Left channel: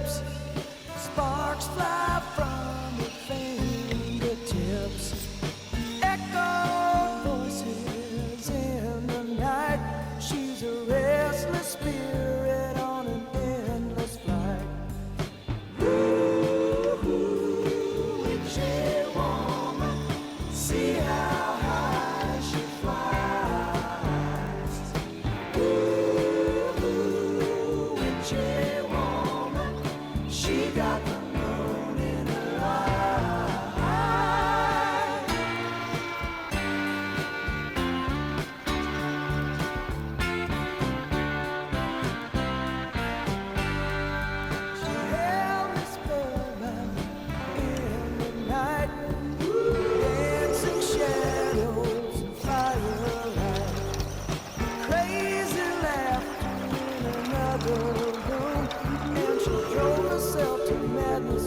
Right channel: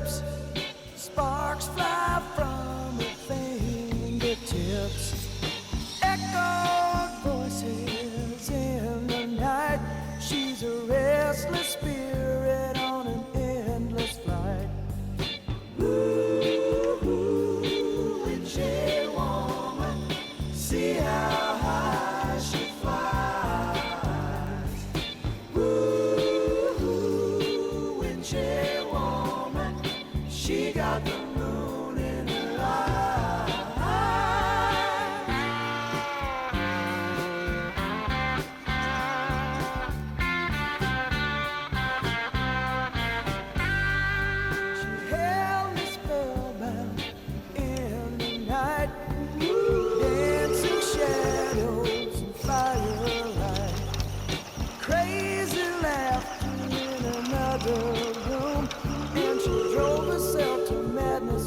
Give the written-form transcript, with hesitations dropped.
lips, sparks fly from her fingertips. Echoed voices in the night. She's a restless spirit on an endless flight. Ooh, witchy woman, see how high she flies. Ooh, witchy woman, she got the moon in her eye. She held me spellbound in the night, dancing shadows and firelight, crazy laughter in another room, and she drove herself to madness.